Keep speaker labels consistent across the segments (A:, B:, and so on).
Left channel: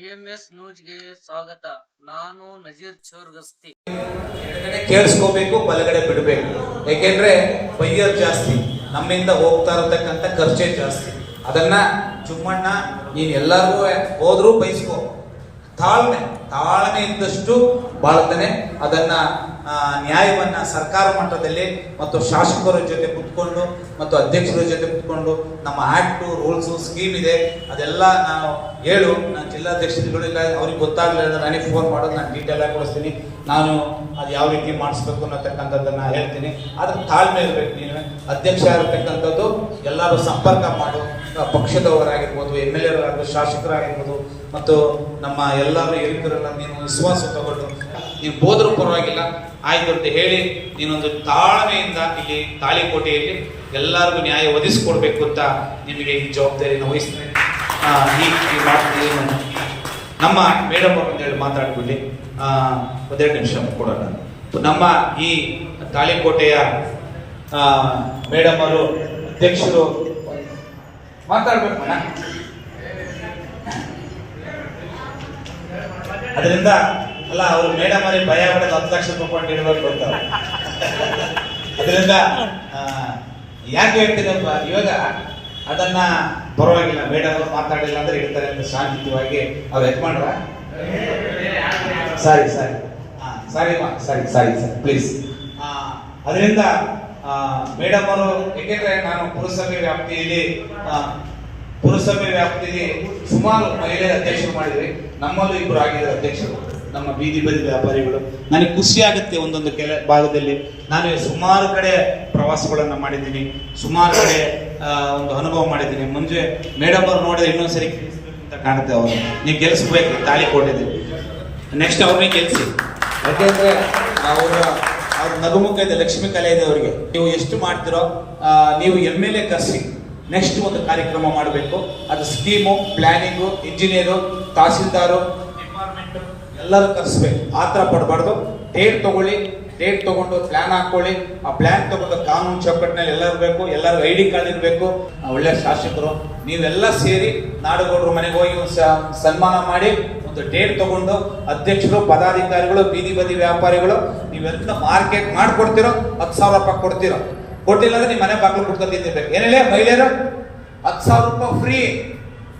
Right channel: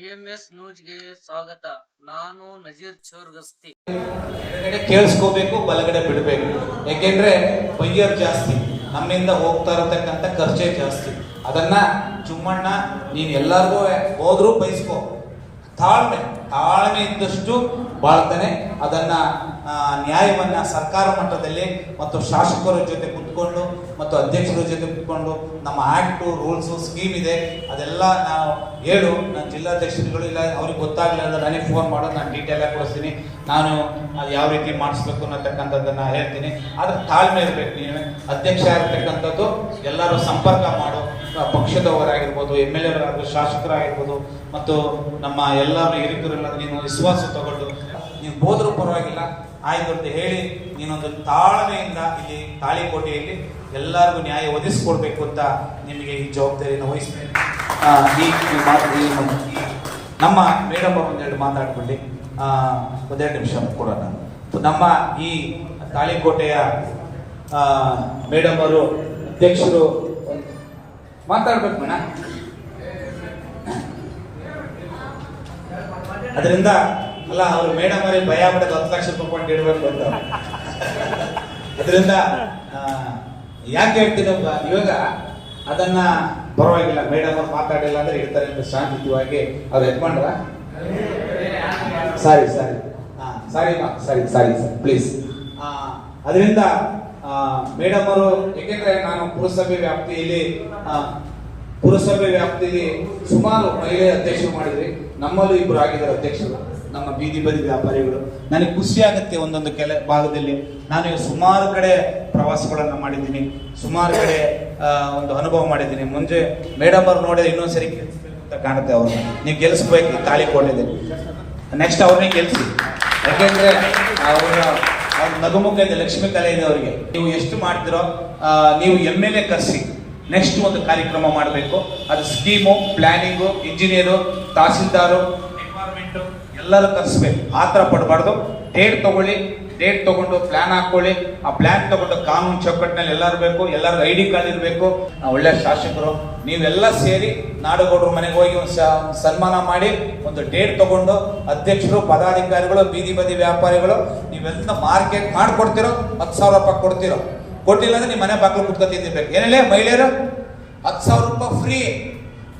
A: TMS ನ್ಯೂಸ್ಗೆ ಸ್ವಾಗತ. ನಾನು ನಜೀರ್ ಚೋರ್ಗಸ್ತಿ.
B: ಎಡಗಡೆ ಕೇಳಿಸ್ಕೋಬೇಕು, ಬಲಗಡೆ ಬಿಡಬೇಕು. ಯಾಕೆಂದ್ರೆ ಬೈಯರ್ ಜಾಸ್ತಿ, ನಮ್ಮಿಂದ ಹೋಗ್ತಾ ಇರತಕ್ಕಂಥ ಖರ್ಚೇ ಜಾಸ್ತಿ. ಅದನ್ನ ಚುಮ್ಮಣ್ಣ, ನೀನ್ ಎಲ್ಲಾರ್ಗೂ ಹೋದ್ರೂ ಬಯಸ್ಕೋ ತಾಳ್ಮೆ ತಾಳ್ಮೆ ಇದ್ದಷ್ಟು ಬಾಳ್ತಾನೆ. ಅದನ್ನ ನ್ಯಾಯವನ್ನ ಸರ್ಕಾರ ಮಟ್ಟದಲ್ಲಿ ಮತ್ತು ಶಾಸಕರ ಜೊತೆ ಕುತ್ಕೊಂಡು ಮತ್ತು ಅಧ್ಯಕ್ಷರ ಜೊತೆ ಕುತ್ಕೊಂಡು ನಮ್ಮ ಆಕ್ಟು, ರೂಲ್ಸು ಸ್ಕೀಮ್ ಇದೆ. ಅದೆಲ್ಲ ನಾವು ಹೇಳು. ನಾನು ಜಿಲ್ಲಾಧ್ಯಕ್ಷರುಗಳಿಲ್ಲ ಅವ್ರಿಗೆ ಗೊತ್ತಾಗ್ಲಿಲ್ಲ ನನಗೆ ಫೋನ್ ಮಾಡೋದು, ನಾನು ಡೀಟೇಲ್ ಆಗಿ ಕೊಡಿಸ್ತೀನಿ. ನಾನು ಅದು ಯಾವ ರೀತಿ ಮಾಡಿಸ್ಬೇಕು ಅನ್ನತಕ್ಕಂಥದ್ದನ್ನು ಹೇಳ್ತೀನಿ. ಅದ್ರ ತಾಳ್ಮೆ ಇರಬೇಕು ನೀನು. ಅಧ್ಯಕ್ಷ ಆಗಿರ್ತಕ್ಕಂಥದ್ದು ಎಲ್ಲರೂ ಸಂಪರ್ಕ ಮಾಡು. ಪಕ್ಷದವರಾಗಿರ್ಬೋದು ಎಂ ಎಲ್ ಎ ಶಾಸಕರಾಗಿರ್ಬೋದು ಮತ್ತು ನಮ್ಮ ಎಲ್ಲರೂ ಹಿರಿಯರೆಲ್ಲ ನೀನು ವಿಶ್ವಾಸ ತಗೊಂಡು ನೀವು ಹೋದರೂ ಪರವಾಗಿಲ್ಲ. ಆಯ್ತು ಅಂತ ಹೇಳಿ ನೀನೊಂದು ತಾಳ್ಮೆಯಿಂದ ಇಲ್ಲಿ ತಾಳಿಕೋಟೆಯಲ್ಲಿ ಎಲ್ಲರಿಗೂ ನ್ಯಾಯ ಒದಗಿಸ್ಕೊಡ್ಬೇಕು ಅಂತ ನಿಮಗೆ ಈ ಜವಾಬ್ದಾರಿಯನ್ನು ವಹಿಸ್ತೇನೆ. ನಮ್ಮ ಮೇಡಮ್ ಹೇಳಿ ಮಾತಾಡ್ಬಿಡಿ ಆ, ಒಂದೆರಡು ನಿಮಿಷ ಕೊಡೋಣ. ನಮ್ಮ ಈ ತಾಳಿಕೋಟೆಯ ಮೇಡಮ್ ಅವರು ಅಧ್ಯಕ್ಷರು ಮಾತಾಡ್ಬೇಕು ಅದರಿಂದ ಅಲ್ಲ, ಅವರು ಮೇಡಮ್ ಅವರೇ ಭಯ ಬಿಡೋದು ಹತ್ತು ಲಕ್ಷ ರೂಪಾಯಿ ಇಡಬೇಕು ಅಂತ ಅದರಿಂದ ಯಾಕೆ ಹೇಳ್ತೀನಿ ಇವಾಗ ಅದನ್ನ ಪರವಾಗಿಲ್ಲ. ಮೇಡಮ್ ಅವ್ರು ಮಾತಾಡಿಲ್ಲ ಅಂದ್ರೆ ಇಡ್ತಾರೆ ಅಂತ ಶಾಂತಿಯುತವಾಗಿ ಅವ್ರು ಯಜಮಾನ್ರ? Sorry sorry. ಸಾರಿ ಮಾ ಸಾರಿ ಸಾರಿ, ಸರ್. ಪ್ಲೀಸ್ ಅದರಿಂದ ಮೇಡಮ್ ಅವರು, ಏಕೆಂದ್ರೆ ನಾನು ಪುರಸಭೆ ವ್ಯಾಪ್ತಿಯಲ್ಲಿ ಪುರಸಭೆ ವ್ಯಾಪ್ತಿಯಲ್ಲಿ ಸುಮಾರು ಮಹಿಳೆಯರ ಅಧ್ಯಕ್ಷರು ಮಾಡಿದ್ರಿ ನಮ್ಮಲ್ಲೂ ಇಬ್ಬರು ಆಗಿದ್ದಾರೆ ಅಧ್ಯಕ್ಷರು. ನಮ್ಮ ಬೀದಿ ಬದಿ ವ್ಯಾಪಾರಿಗಳು. ನನಗೆ ಖುಷಿ ಆಗುತ್ತೆ ಒಂದೊಂದು ಕೆಲ ಭಾಗದಲ್ಲಿ. ನಾನು ಸುಮಾರು ಕಡೆ ಪ್ರವಾಸಗಳನ್ನು ಮಾಡಿದ್ದೀನಿ. ಸುಮಾರು ಕಡೆ ಒಂದು ಅನುಭವ ಮಾಡಿದ್ದೀನಿ. ಮುಂಚೆ ಮೇಡಮ್ ಅವ್ರು ನೋಡಿದ್ರೆ ಇನ್ನೊಂದ್ಸರಿ ಅಂತ ಕಾಣುತ್ತೆ ಅವರು. ನೀವು ಗೆಲ್ಲಿಸ್ಬೇಕು ತಾಳಿ ಕೊಟ್ಟಿದ್ದೀನಿ ನೆಕ್ಸ್ಟ್ ಅವ್ರನ್ನೇ ಗೆಲ್ಸಿ. ಯಾಕೆಂದ್ರೆ ಅವರ, ಅವ್ರ ನಗುಮುಖ ಇದೆ, ಲಕ್ಷ್ಮೀ ಕಲೆ ಇದೆ ಅವರಿಗೆ. ನೀವು ಎಷ್ಟು ಮಾಡ್ತಿರೋ ನೀವು ಎಂ ಎಲ್ ಎ ಕರೆಸಿ. ನೆಕ್ಸ್ಟ್ ಒಂದು ಕಾರ್ಯಕ್ರಮ ಮಾಡಬೇಕು. ಅದು ಸ್ಕೀಮು ಪ್ಲಾನಿಂಗು ಇಂಜಿನಿಯರು ತಹಸೀಲ್ದಾರು ಎಲ್ಲರೂ ಕರೆಸ್ಬೇಕು. ಆ ಥರ ಪಡಬಾರ್ದು. ಡೇಟ್ ತಗೊಳ್ಳಿ ಡೇಟ್ ತಗೊಂಡು ಪ್ಲಾನ್ ಹಾಕೊಳ್ಳಿ. ಆ ಪ್ಲಾನ್ ತಗೊಂಡು ಕಾನೂನು ಚೌಕಟ್ಟಿನಲ್ಲಿ ಎಲ್ಲರೂ ಬೇಕು, ಎಲ್ಲರಿಗೂ ಐ ಡಿ ಕಾರ್ಡ್ ಇರಬೇಕು ಒಳ್ಳೆ ಶಾಸಕರು. ನೀವೆಲ್ಲ ಸೇರಿ ನಾಡುಗೌಡರು ಮನೆಗೆ ಹೋಗಿ ಸನ್ಮಾನ ಮಾಡಿ, ಒಂದು ಡೇಟ್ ತಗೊಂಡು ಅಧ್ಯಕ್ಷರು, ಪದಾಧಿಕಾರಿಗಳು, ಬೀದಿ ಬದಿ ವ್ಯಾಪಾರಿಗಳು, ನೀವೆಲ್ಲ ಮಾರ್ಕೆಟ್ ಮಾಡ್ಕೊಡ್ತಿರೋ, ಹತ್ತು ಸಾವಿರ ರೂಪಾಯಿ ಕೊಡ್ತಿರೋ. ಕೊಟ್ಟಿಲ್ಲ ಅಂದ್ರೆ ನಿಮ್ಮ ಮನೆ ಬಾಗಿಲು ಕುತ್ಕೊಂಡು ನಿಂತಿರ್ಬೇಕು. ಏನಿಲ್ಲ, ಮಹಿಳೆಯರು, ಹತ್ತು ಸಾವಿರ ರೂಪಾಯಿ ಫ್ರೀ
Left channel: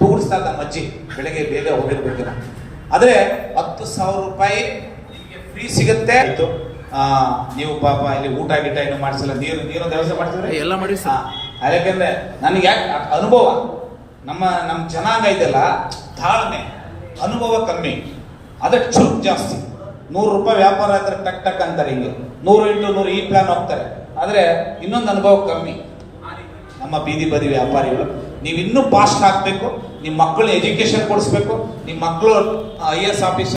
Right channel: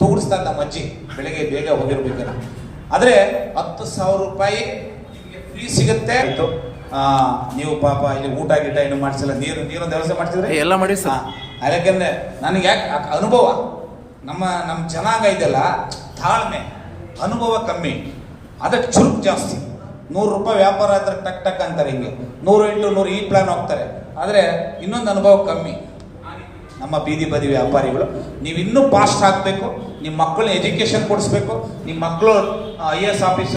B: ತೋರಿಸ್ತಾರೆ ನಮ್ಮ ಅಜ್ಜಿ ಬೆಳಗ್ಗೆ ಬೇಗ ಹೋಗಿರ್ಬೇಕೇನ ಆದ್ರೆ ಹತ್ತು ಸಾವಿರ ರೂಪಾಯಿ ನಿಮಗೆ ಫ್ರೀ ಸಿಗುತ್ತೆ. ನೀವು ಪಾಪ ಇಲ್ಲಿ ಊಟ ಗೀಟ ಏನು ಮಾಡಿಸಿಲ್ಲ ನೀರು ನೀರು ವ್ಯವಸ್ಥೆ ಮಾಡ್ತಿದ್ರೆ
C: ಎಲ್ಲ ಮಾಡಿ
B: ಯಾಕೆಂದ್ರೆ ನನಗೆ ಯಾಕೆ ಅನುಭವ ನಮ್ಮ ನಮ್ಮ ಜನಾಂಗ ಇದೆಲ್ಲ ತಾಳ್ಮೆ ಅನುಭವ ಕಮ್ಮಿ. ಅದಕ್ಕೆ ಚುರುಕು ಜಾಸ್ತಿ. ನೂರು ರೂಪಾಯಿ ವ್ಯಾಪಾರ ಆದ್ರೆ ಟಕ್ ಟಕ್ ಅಂತಾರೆ ಹಿಂಗೆ. ನೂರು ಇಂಟು ನೂರು ಈ ಪ್ಲಾನ್ ಹೋಗ್ತಾರೆ. ಆದ್ರೆ ಇನ್ನೊಂದು ಅನುಭವ ಕಮ್ಮಿ. ನಮ್ಮ ಬೀದಿ ಬದಿ ವ್ಯಾಪಾರಿಗಳು. ನೀವು ಇನ್ನೂ ಫಾಸ್ಟ್ ಹಾಕಬೇಕು ನಿಮ್ಮ ಮಕ್ಕಳನ್ನ ಎಜುಕೇಷನ್ ಕೊಡಿಸ್ಬೇಕು ನಿಮ್ಮ ಮಕ್ಕಳು ಐ ಎಸ್ ಆಫೀಸ್